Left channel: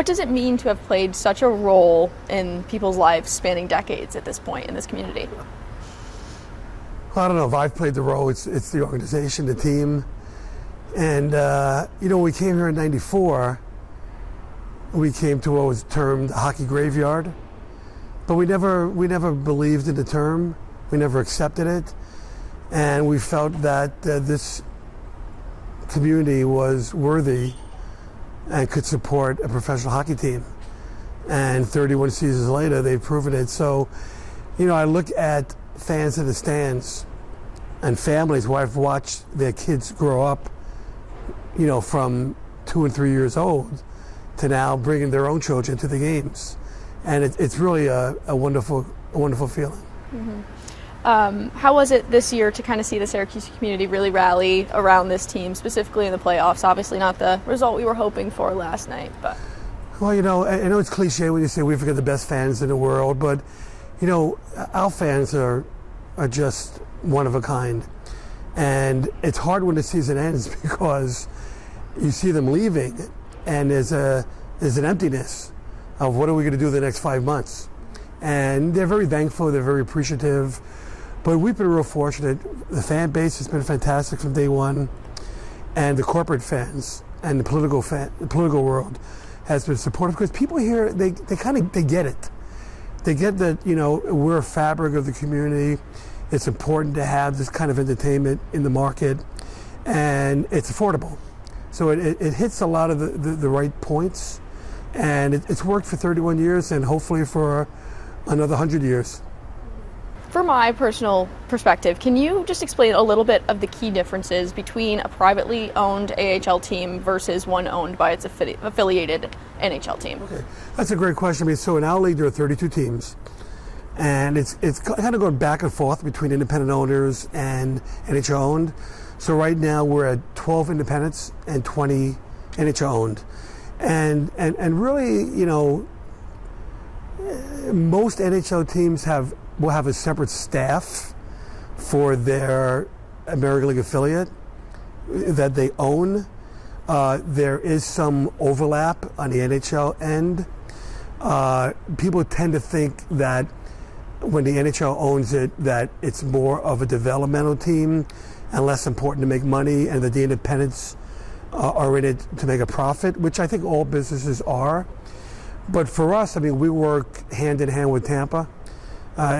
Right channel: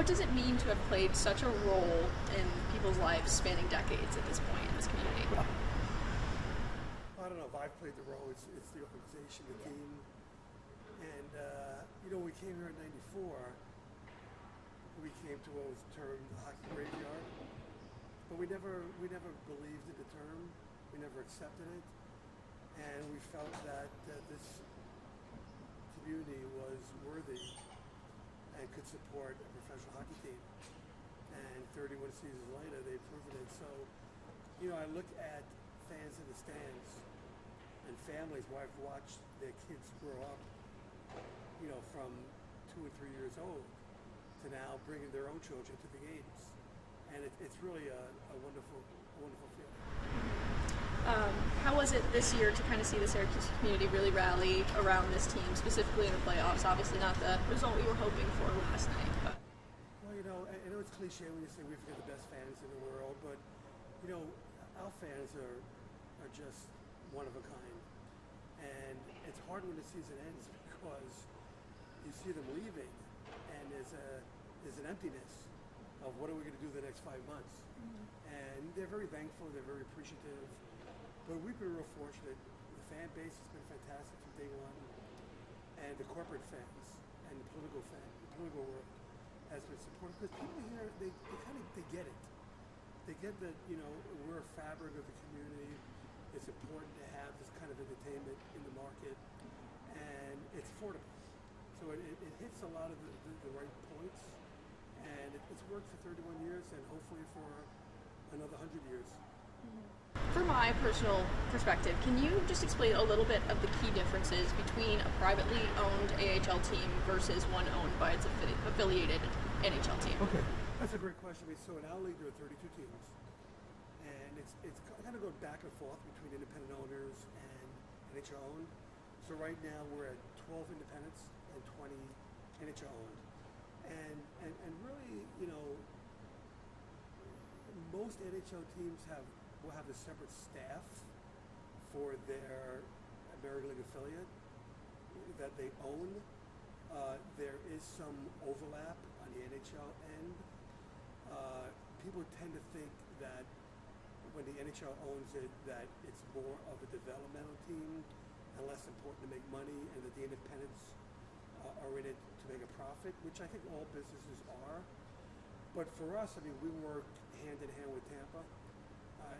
What does it mean to have played such a role in people's lives spanning decades at this point in this community? I don't know if I've played the role. It's the organization, the team. And, when we came here in '94, we came to what was termed a hockey graveyard. But we never believed in the term. We never accepted it. And we felt that this community was worthy and could support a professional hockey team. And 31 seasons later, they've proven it. So, I look at fans in the stands and families where I've watched their kids grow up, from 2 and 3 years old to now bringing their own children to the games. And it's really a wonderful feeling. Mm-hmm. How was it this year to kind of see the Syracuse community really rally around this team, specifically in the playoffs? Obviously not the result we were hoping for last night, but. Well, I know it's cliche when you say we've got the best fans in the world, but, our fans are just one of a kind. And it's hard when the season ends because you see them leaving and there's an emptiness of what are we going to do the next 5 months. And they're very thankful, they're very appreciative, but we've been real fortunate. The fan base has been fantastic from day one, and the corporate fans and the political world has been supportive because people here, they get it. They get that, we're a fabric of the community. It's important to have this kind of entertainment in the market, and it's affordable. So it hits a lot of the right points, and it's worked for 31 years and hopefully for another 100 years. From my personal perspective, can you just explain a little bit of the key differences between a privately owned AHL team versus one owned by its affiliated NHL team? Okay. That's a great question. So in our league, there are 32 teams, and it's kind of going back and forth between independent owners and NHL owned. So right now we're at 12 independents and 20 NHL owned. And really, most NHL teams will have a separate staff for their American League affiliate that they own. There is some overlap on the NHL end. People tend to think that when the NHL owns it, that it's more of a developmental team and less important to make money, and that the independents are in it to make a profit, which I think all businesses are. But for us, we work hand in hand with Tampa.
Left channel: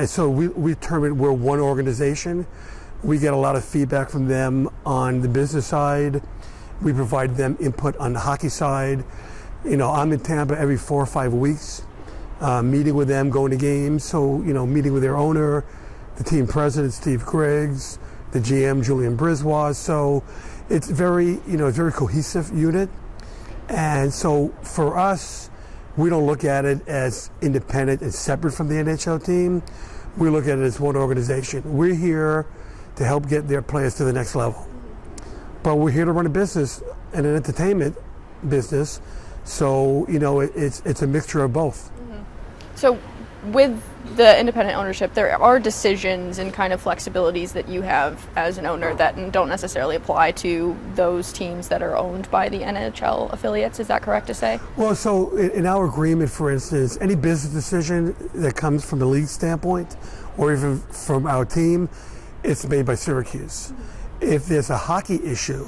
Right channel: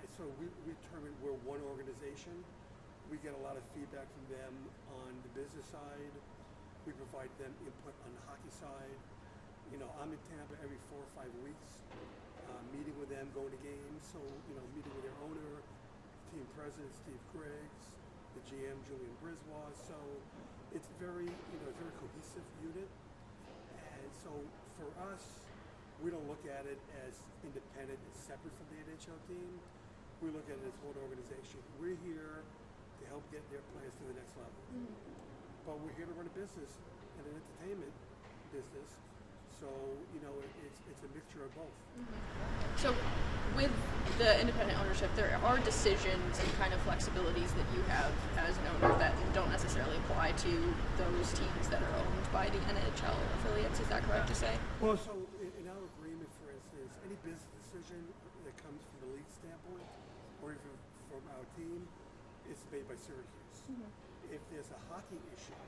So we term it, we're one organization. We get a lot of feedback from them on the business side. We provide them input on the hockey side. I'm in Tampa every 4 or 5 weeks, meeting with them, going to games. So, meeting with their owner, the team president, Steve Griggs, the GM, Julian Brisbois. So it's very cohesive unit. And so for us, we don't look at it as independent and separate from the NHL team. We look at it as one organization. We're here to help get their players to the next level. But we're here to run a business and an entertainment business. So, it's a mixture of both. Mm-hmm. So with the independent ownership, there are decisions and kind of flexibilities that you have as an owner that don't necessarily apply to those teams that are owned by the NHL affiliates. Is that correct to say? Well, so in our agreement, for instance, any business decision that comes from the league standpoint or even from our team, it's made by Syracuse. If there's a hockey issue,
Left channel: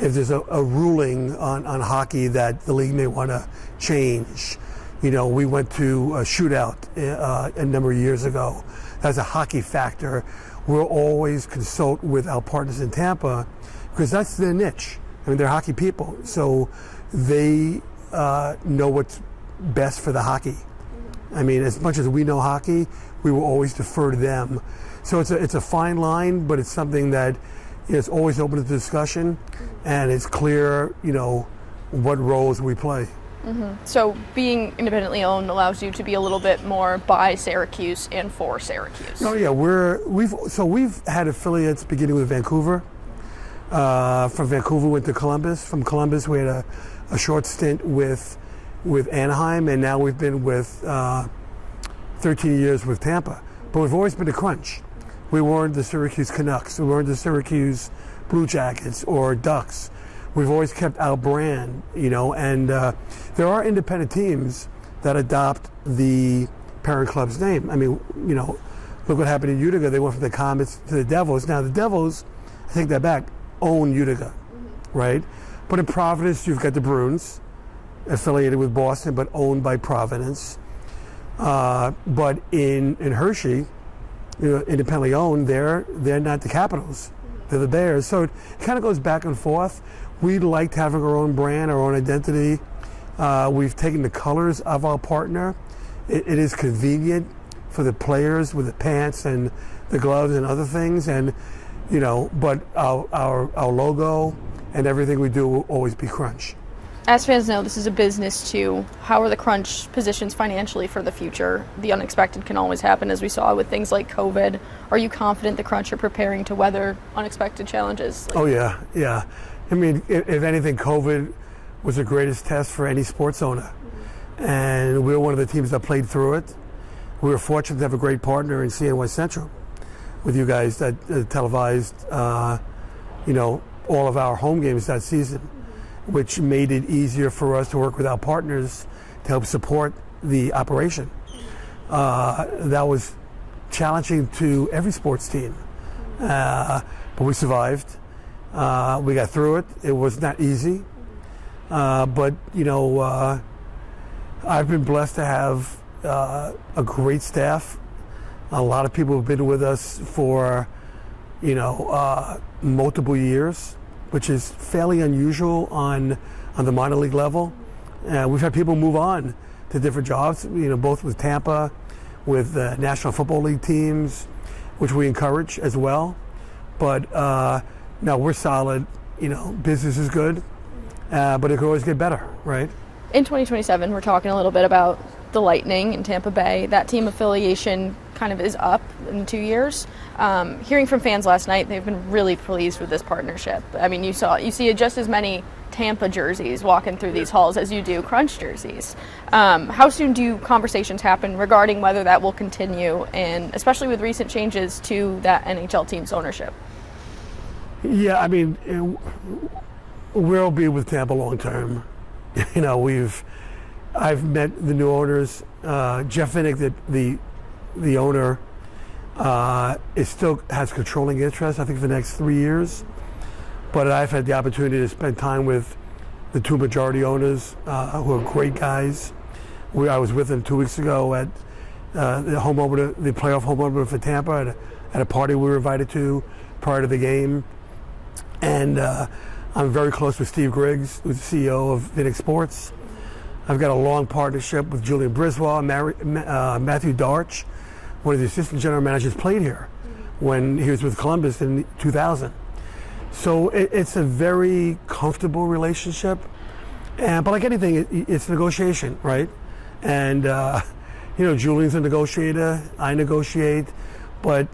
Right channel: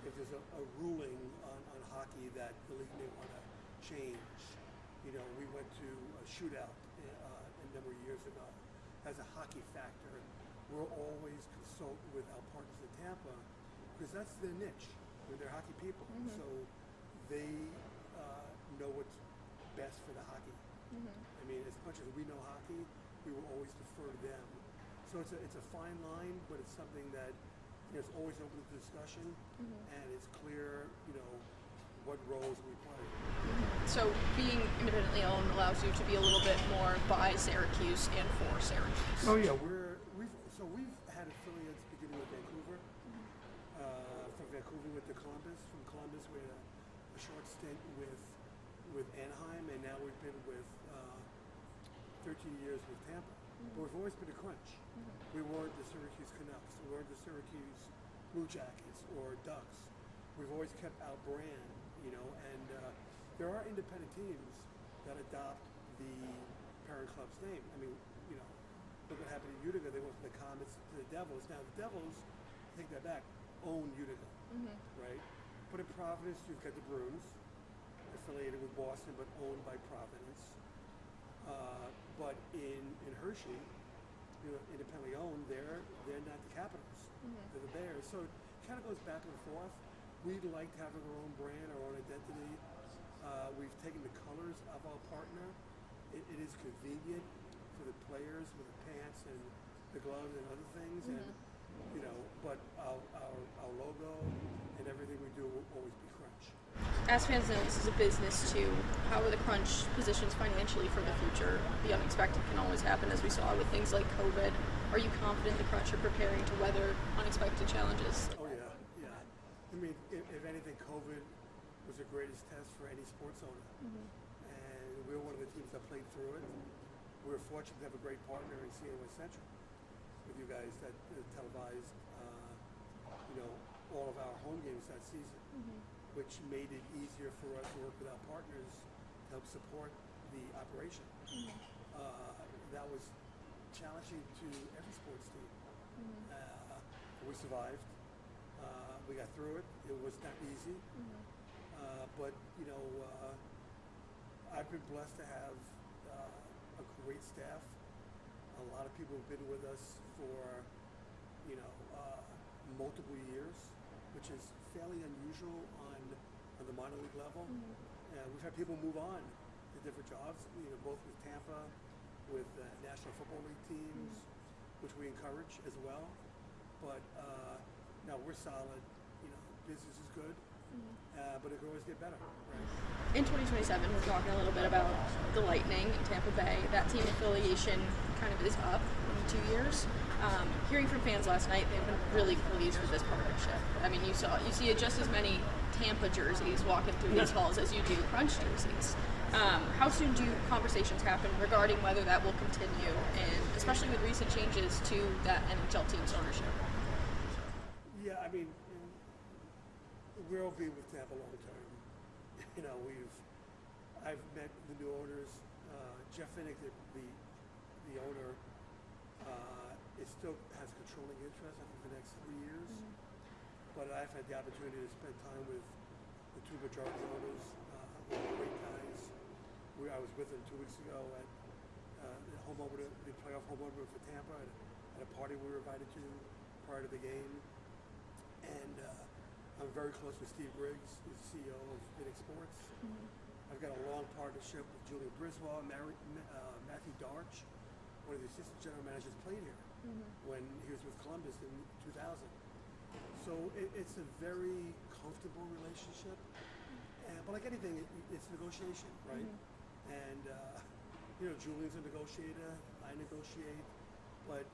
if there's a ruling on hockey that the league may want to change, we went to a shootout a number of years ago. That's a hockey factor. We'll always consult with our partners in Tampa because that's their niche. They're hockey people, so they know what's best for the hockey. As much as we know hockey, we will always defer to them. So it's a fine line, but it's something that is always open to discussion, and it's clear, what roles we play. Mm-hmm. So being independently owned allows you to be a little bit more by Syracuse and for Syracuse. Oh yeah, we've had affiliates beginning with Vancouver. From Vancouver went to Columbus. From Columbus we had a short stint with Anaheim, and now we've been with 13 years with Tampa. But we've always been the Crunch. We weren't the Syracuse Canucks. We weren't the Syracuse Blue Jackets or Ducks. we've always kept our brand, and there are independent teams that adopt the parent club's name. I mean, look what happened in Utica. They went from the Comets to the Devils. Now the Devils, I take that back, own Utica, right? But in Providence, you've got the Bruins, affiliated with Boston, but owned by Providence. But in Hershey, independently owned, they're not the Capitals. They're the Bears. So it kind of goes back and forth. We liked having our own brand, our own identity. We've taken the colors of our partner. It is convenient for the players with the pants and the gloves and other things. And, but our logo and everything we do will always be Crunch. As fans know, this is a business too. How are the Crunch positions financially for the future? The unexpected can always happen, as we saw with things like COVID. Are you confident the Crunch are preparing to weather unexpected challenges? Oh, yeah. I mean, if anything, COVID was the greatest test for any sports owner. And we were one of the teams that played through it. We were fortunate to have a great partner in CNY Central with you guys that televised, all of our home games that season, which made it easier for us to work with our partners to help support the operation. That was challenging to every sports team, but we survived. We got through it. It was not easy, but I've been blessed to have a great staff. A lot of people have been with us for multiple years, which is fairly unusual on the minor league level. We've had people move on to different jobs, both with Tampa, with the National Football League teams, which we encourage as well. But no, we're solid. Business is good, but it could always get better, right? In 2027, we're talking a little bit about the Lightning in Tampa Bay. That team affiliation kind of is up in 2 years. Hearing from fans last night, they've been really pleased with this partnership. I mean, you see just as many Tampa jerseys walking through these halls as you do Crunch jerseys. How soon do conversations happen regarding whether that will continue, and especially with recent changes to that NHL team's ownership? Yeah, I mean, we'll be with Tampa long term. I've met the new owners. Jeff Vinnick, the owner, still has controlling interest, I think, for the next 3 years. But I've had the opportunity to spend time with the two majority owners, who are great guys. I was with them 2 weeks ago at the home opener, the playoff home opener for Tampa, at a party we were invited to prior to the game. And I'm very close with Steve Griggs, who's the CEO of Vinnick Sports. I've got a long partnership with Julian Briswell, Matthew Darch, one of the assistant general managers, played here when he was with Columbus in 2000. So it's a very comfortable relationship. But like anything, it's negotiation, right? And, Julian's a negotiator, I negotiate, but,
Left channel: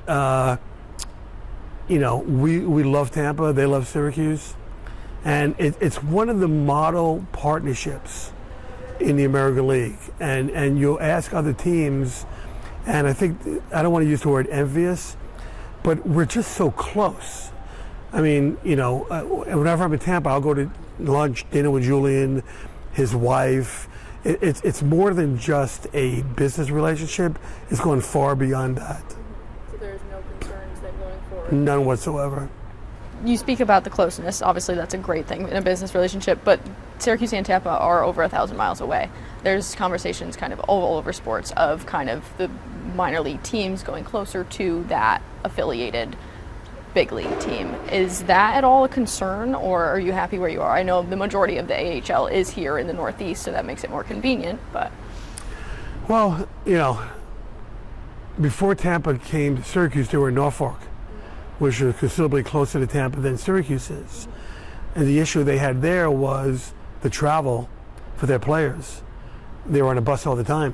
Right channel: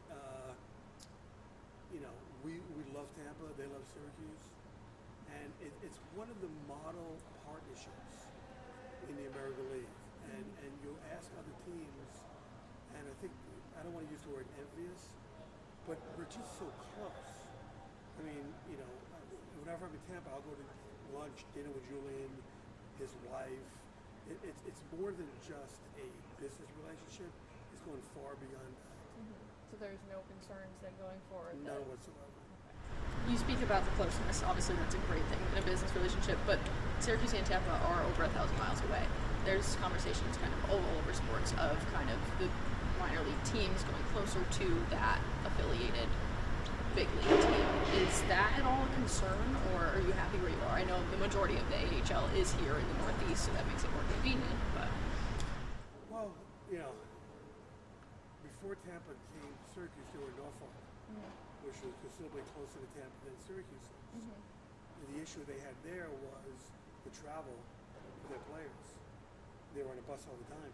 we love Tampa, they love Syracuse. And it's one of the model partnerships in the American League. And you'll ask other teams, and I don't want to use the word envious, but we're just so close. I mean, whenever I'm in Tampa, I'll go to lunch, dinner with Julian, his wife. It's more than just a business relationship. It's going far beyond that. So there's no concerns then going forward? None whatsoever. You speak about the closeness. Obviously, that's a great thing in a business relationship, but Syracuse and Tampa are over 1,000 miles away. There's conversations kind of all over sports of kind of the minor league teams going closer to that affiliated big league team. Is that at all a concern, or are you happy where you are? I know the majority of the AHL is here in the Northeast, so that makes it more convenient, but... Well, before Tampa came to Syracuse, they were in Norfolk, which is considerably closer to Tampa than Syracuse is. And the issue they had there was the travel for their players. They were on a bus all the time.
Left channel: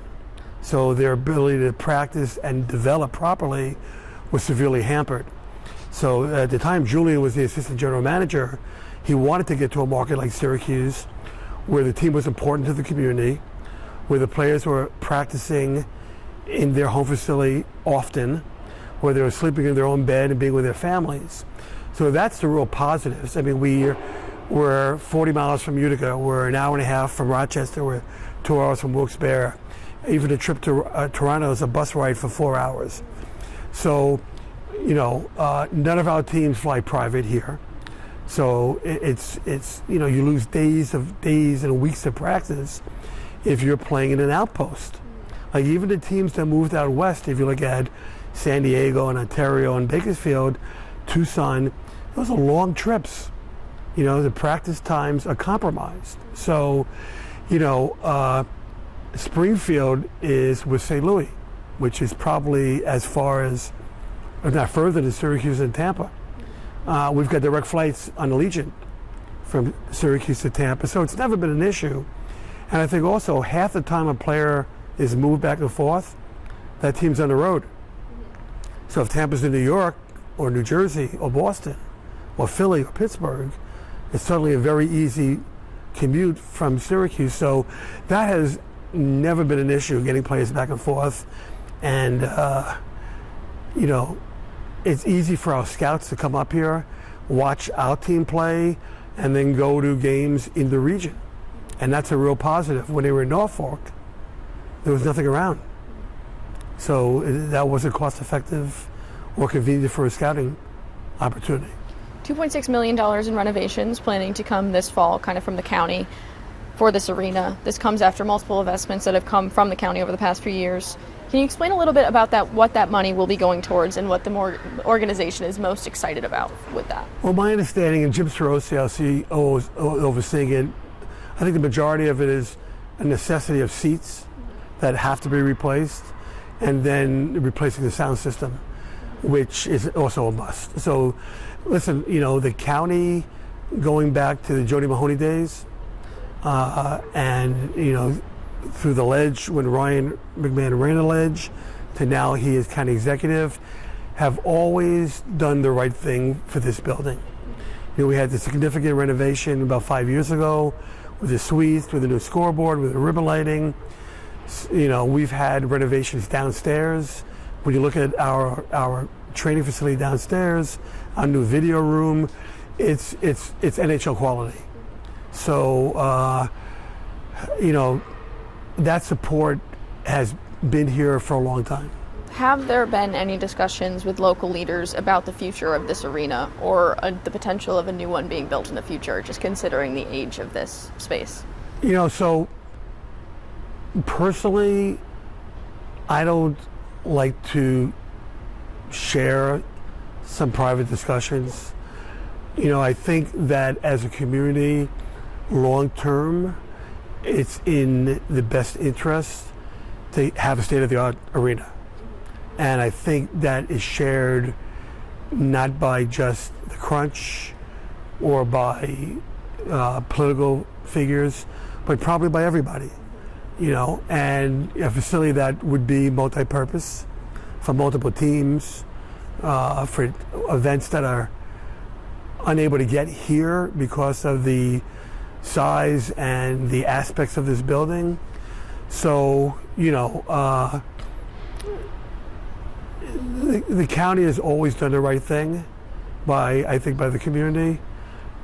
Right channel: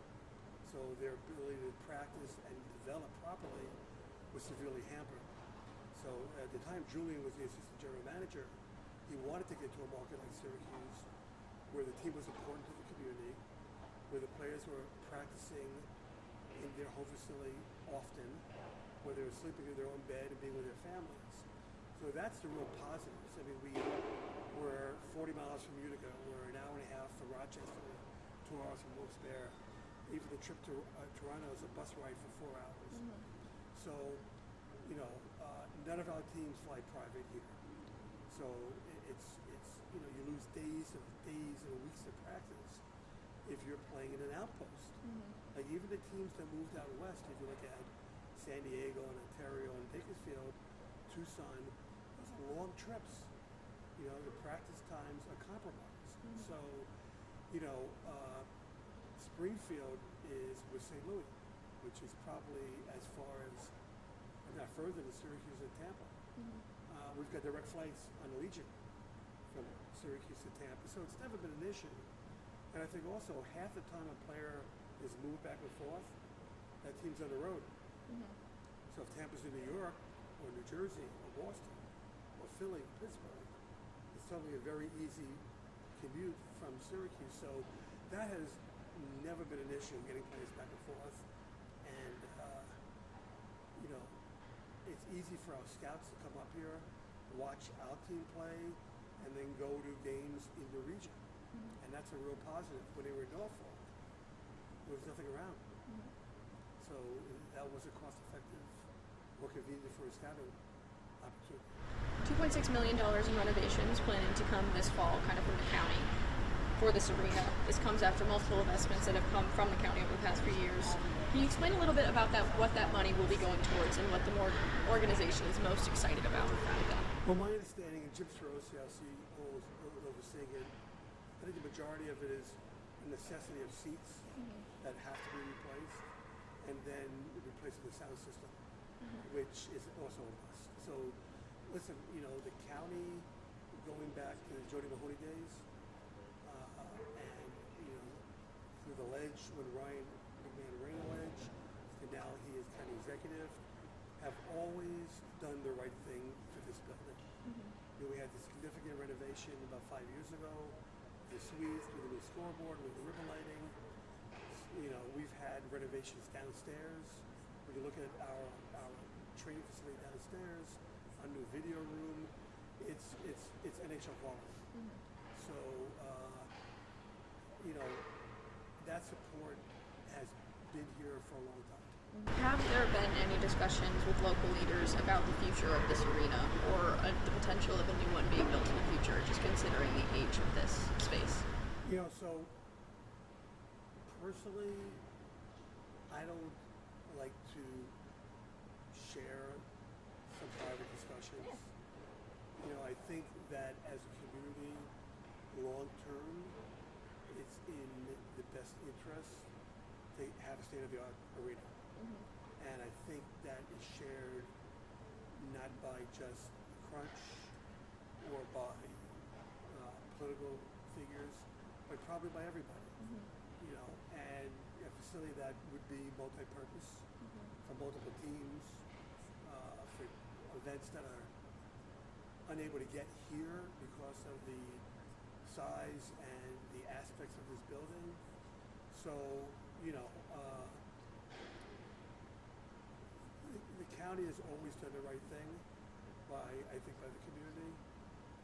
So their ability to practice and develop properly was severely hampered. So at the time Julian was the assistant general manager, he wanted to get to a market like Syracuse, where the team was important to the community, where the players were practicing in their home facility often, where they were sleeping in their own bed and being with their families. So that's the real positives. I mean, We're 40 miles from Utica. We're an hour and a half from Rochester. We're 2 hours from Wilkes-Barre. Even a trip to Toronto is a bus ride for 4 hours. So, none of our teams fly private here. So it's you lose days and weeks of practice if you're playing in an outpost. Like even the teams that moved out west, if you look at San Diego and Ontario and Bakersfield, Tucson, those are long trips. The practice times are compromised. So, Springfield is with St. Louis, which is probably as far as, if not further than Syracuse and Tampa. We've got direct flights on Allegiant from Syracuse to Tampa, so it's never been an issue. And I think also half the time a player is moved back and forth, that team's on the road. So if Tampa's in New York or New Jersey or Boston or Philly or Pittsburgh, it's certainly a very easy commute from Syracuse. So that has never been an issue, getting players back and forth. And, it's easy for our scouts to come up here, watch our team play, and then go to games in the region. And that's a real positive. When they were in Norfolk, there was nothing around. So that wasn't cost-effective or convenient for a scouting opportunity. $2.6 million in renovations planning to come this fall, kind of from the county, for this arena. This comes after multiple investments that have come from the county over the past few years. Can you explain a little bit about that, what that money will be going towards and what the organization is most excited about with that? Well, my understanding, and Jim Sorosi, our CEO, is overseeing it, I think the majority of it is a necessity of seats that have to be replaced, and then replacing the sound system, which is also a must. So, listen, the county, going back to the Jody Mahoney days, and, through the ledge when Ryan McMahon ran the ledge to now he is county executive, have always done the right thing for this building. We had the significant renovation about 5 years ago with the suites, with the new scoreboard, with the ribbon lighting. We've had renovations downstairs. When you look at our training facility downstairs, our new video room, it's NHL quality. So, that support has been here for a long time. Have there been any discussions with local leaders about the future of this arena or the potential of a new one being built in the future, just considering the age of this space? So personally, I don't like to share some private discussions. I think that as a community, long term, it's in the best interest to have a state-of-the-art arena. And I think that is shared not by just the Crunch or by political figures, but probably by everybody, and a facility that would be multi-purpose for multiple teams, for events that are unable to get here because of the size and the aspects of this building. So, the county has always done the right thing by the community,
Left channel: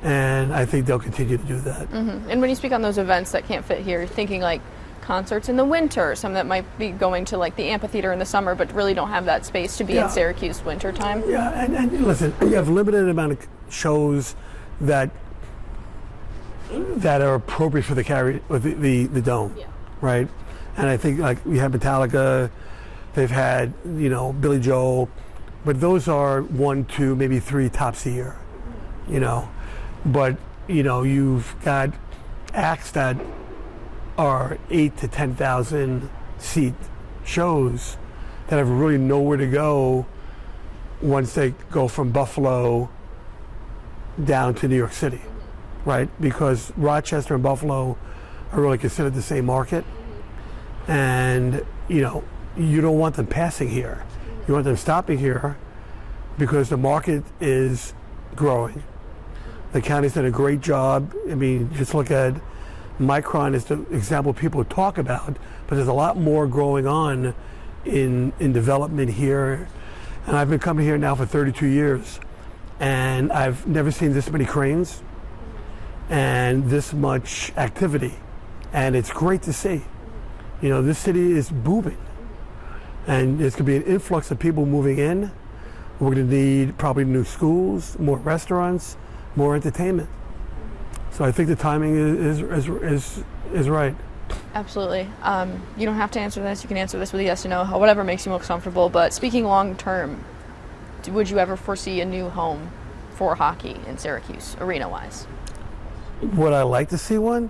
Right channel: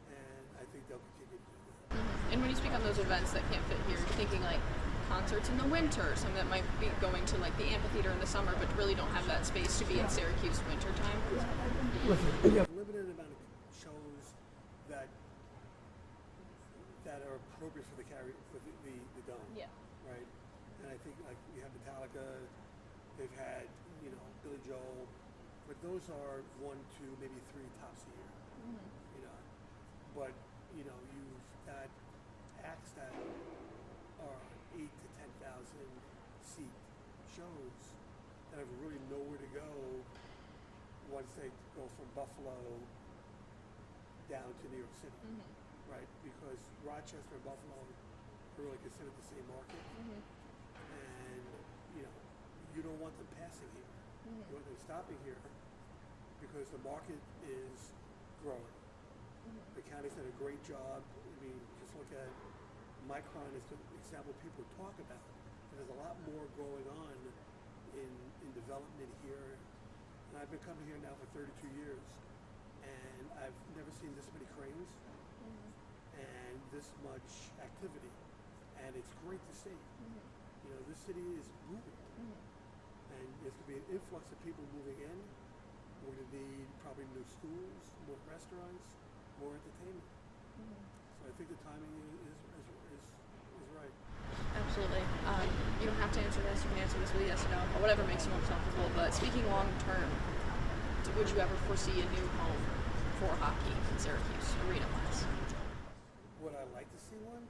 and I think they'll continue to do that. Mm-hmm. And when you speak on those events that can't fit here, thinking like concerts in the winter, some that might be going to like the amphitheater in the summer, but really don't have that space to be in Syracuse winter time. Yeah, and listen, you have a limited amount of shows that are appropriate for the dome, right? And I think like we have Metallica, they've had Billy Joel, but those are 1, 2, maybe 3 tops a year, But you've got acts that are 8,000 to 10,000 seat shows that have really nowhere to go once they go from Buffalo down to New York City. Right, because Rochester and Buffalo are really considered the same market, and you don't want them passing here. You want them stopping here because the market is growing. The county's done a great job. I mean, just look at Micron is the example people talk about, but there's a lot more going on in development here. And I've been coming here now for 32 years, and I've never seen this many cranes. and this much activity, and it's great to see. You know, this city is booming, and there's going to be an influx of people moving in. We're going to need probably new schools, more restaurants, more entertainment. So I think the timing is right. Absolutely. You don't have to answer this. You can answer this with a yes or no, whatever makes you most comfortable. But speaking long term, would you ever foresee a new home for hockey in Syracuse, arena-wise? Would I like to see one?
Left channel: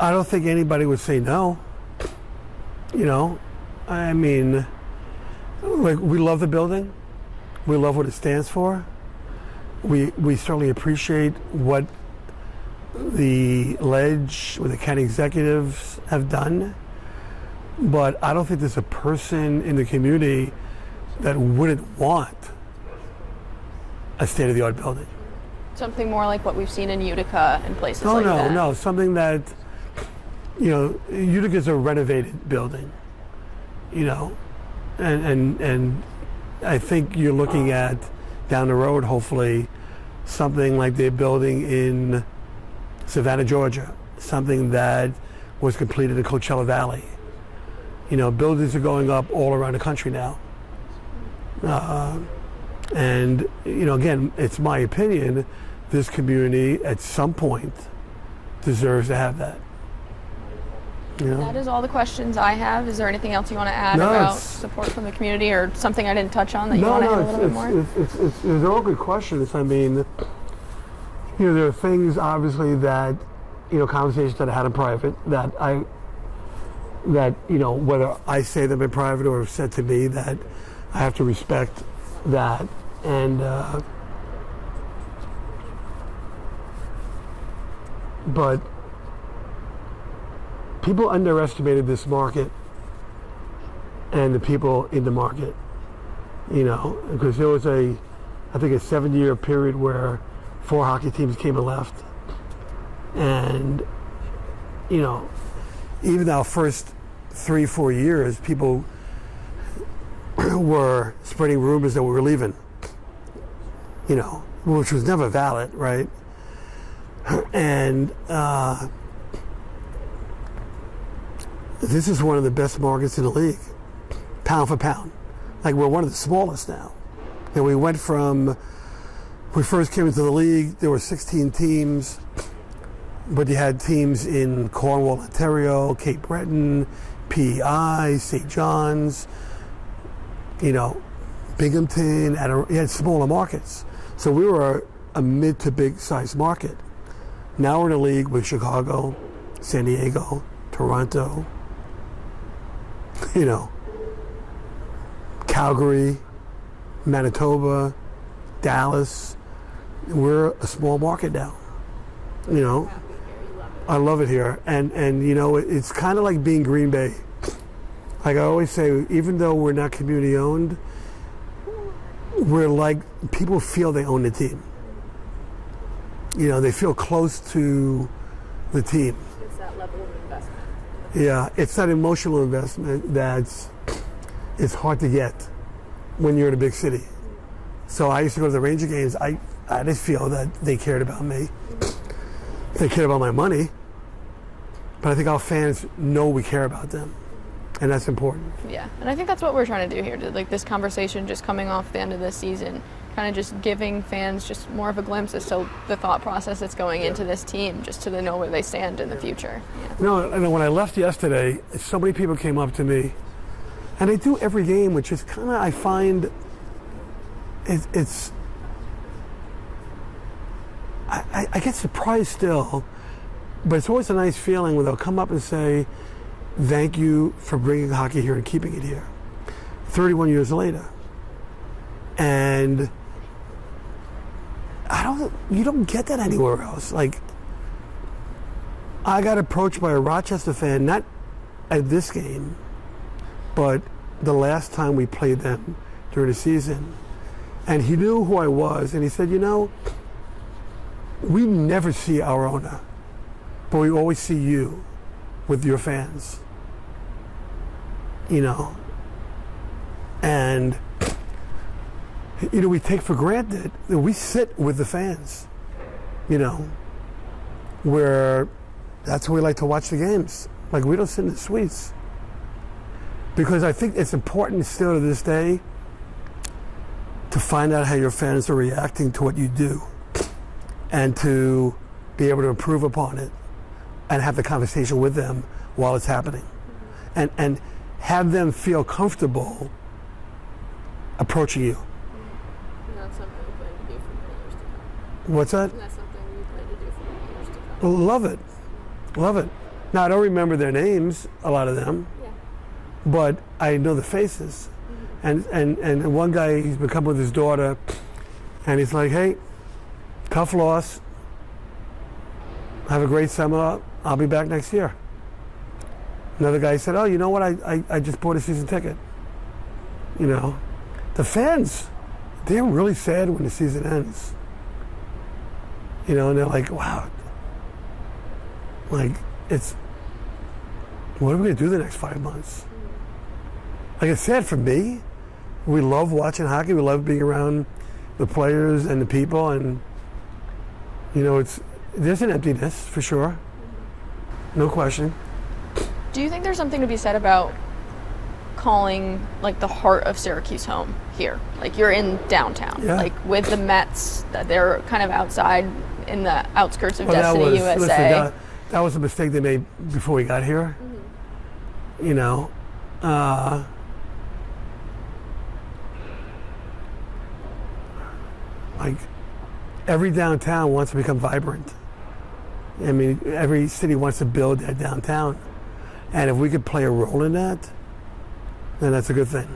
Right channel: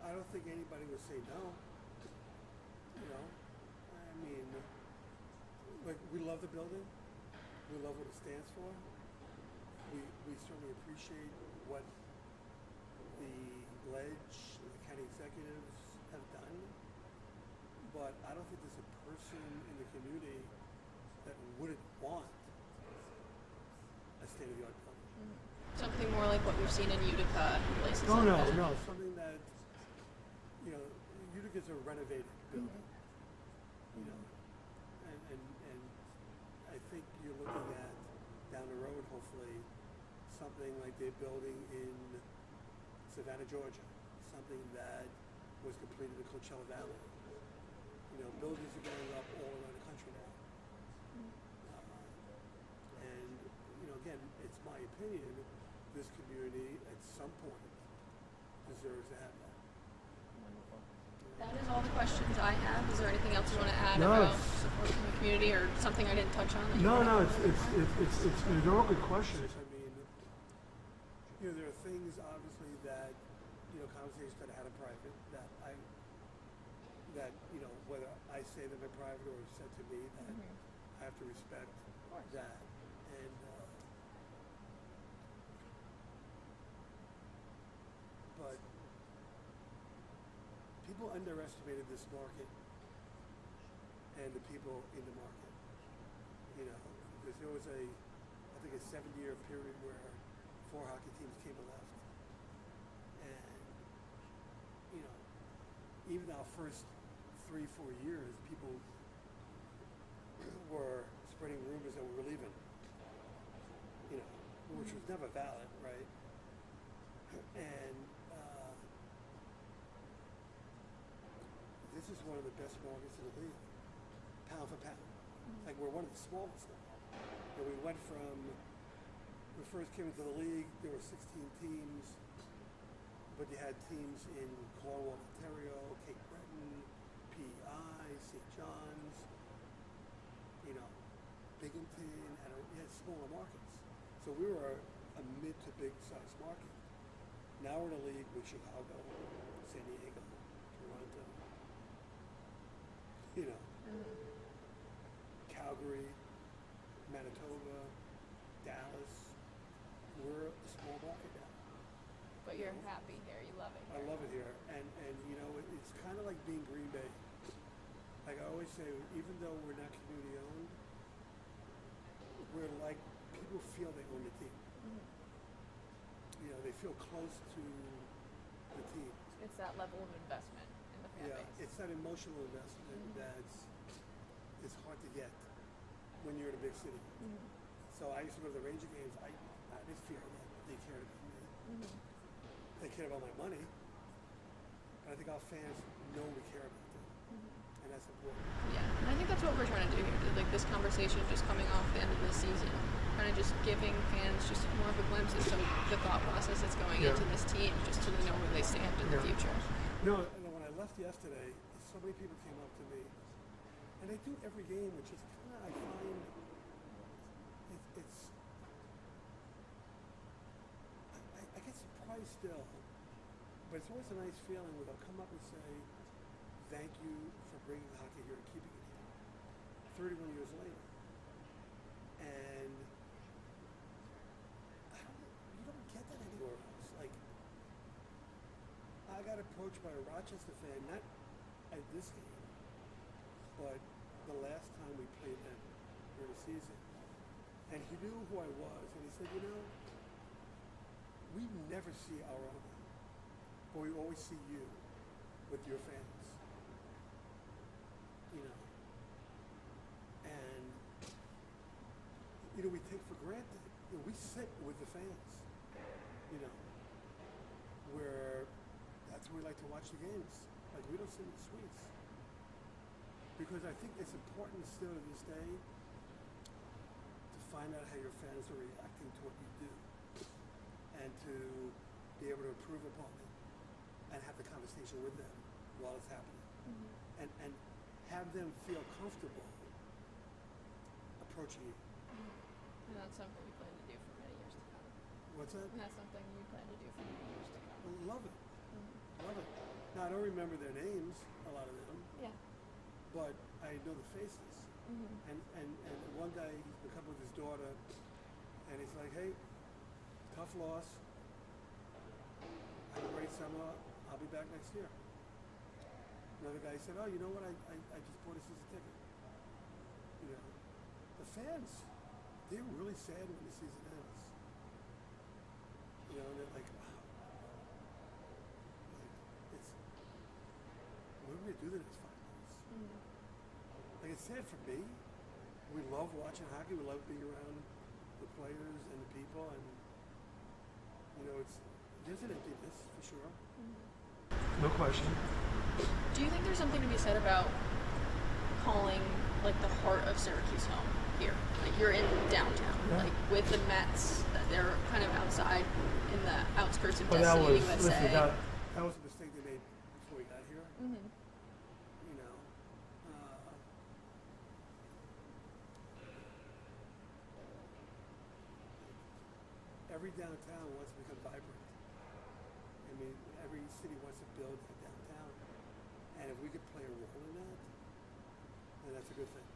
I don't think anybody would say no. You know, I mean, like, we love the building. We love what it stands for. We certainly appreciate what the Ledge or the county executives have done, but I don't think there's a person in the community that wouldn't want a state-of-the-art building. Something more like what we've seen in Utica and places like that. No, something that, you know, Utica's a renovated building, you know, and I think you're looking at down the road, hopefully, something like they're building in Savannah, Georgia, something that was completed in Coachella Valley. You know, buildings are going up all around the country now. And, you know, again, it's my opinion, this community at some point deserves to have that. You know? That is all the questions I have. Is there anything else you want to add about support from the community or something I didn't touch on that you want to add a little bit more? They're all good questions. I mean, you know, there are things obviously that, you know, conversations that I had in private that you know, whether I say them in private or said to me, that I have to respect that. And but people underestimated this market and the people in the market, you know, because there was I think a 7-year period where 4 hockey teams came and left. And, you know, even our first 3-4 years, people were spreading rumors that we were leaving, you know, which was never valid, right? And this is one of the best markets in the league, pound for pound. Like, we're one of the smallest now. And we went from, when we first came into the league, there were 16 teams, but you had teams in Cornwall, Ontario, Cape Breton, PEI, St. John's, you know, Binghamton, you had smaller markets. So we were a mid to big size market. Now we're in a league with Chicago, San Diego, Toronto, you know, Calgary, Manitoba, Dallas. We're a small market now, you know. I love it here. And you know, it's kind of like being Green Bay. Like I always say, even though we're not community owned, we're like, people feel they own the team. You know, they feel close to the team. It's that level of investment. Yeah, it's that emotional investment it's hard to get when you're in a big city. So I used to go to the Ranger games. I didn't feel that they cared about me. They cared about my money. But I think our fans know we care about them. And that's important. Yeah, and I think that's what we're trying to do here. Like, this conversation just coming off the end of this season, kind of just giving fans just more of a glimpse as to the thought process that's going into this team, just to know where they stand in the future. Yeah. You know, and when I left yesterday, so many people came up to me, and they do every game, which is kind of, I find, I get surprised still, but it's always a nice feeling when they'll come up and say, thank you for bringing hockey here and keeping it here 31 years later. And you don't get that anywhere else. Like, I got approached by a Rochester fan, not at this game, but the last time we played them during the season. And he knew who I was, and he said, you know, we never see our owner, but we always see you with your fans. You know, and, you know, we take for granted that we sit with the fans, you know, where that's where we like to watch the games. Like, we don't sit in the suites. Because I think it's important still to this day to find out how your fans are reacting to what you do and to be able to improve upon it and have the conversation with them while it's happening. And have them feel comfortable approaching you. And that's something we plan to do for many years to come. What's that? And that's something we plan to do for many years to come. Love it. Love it. Now, I don't remember their names, a lot of them, Yeah. but I know the faces. And one guy, he's been coming with his daughter, and he's like, hey, tough loss. Have a great summer. I'll be back next year. Another guy said, oh, you know what? I just bought a season ticket. You know, the fans, they're really sad when the season ends. You know, and they're like, wow. Like, what are we going to do the next 5 months? Like, it's sad for me. We love watching hockey. We love being around the players and the people. And, you know, there's an emptiness for sure. No question. Do you think there's something to be said about calling like the heart of Syracuse home here? Like, you're in downtown. Yeah. Like, with the Mets, they're kind of outside in the outskirts of Destiny, USA. Listen, that was a mistake they made before we got here. You know, like, every downtown wants to become vibrant. I mean, every city wants to build their downtown. And if we could play a role in that, then that's a good thing.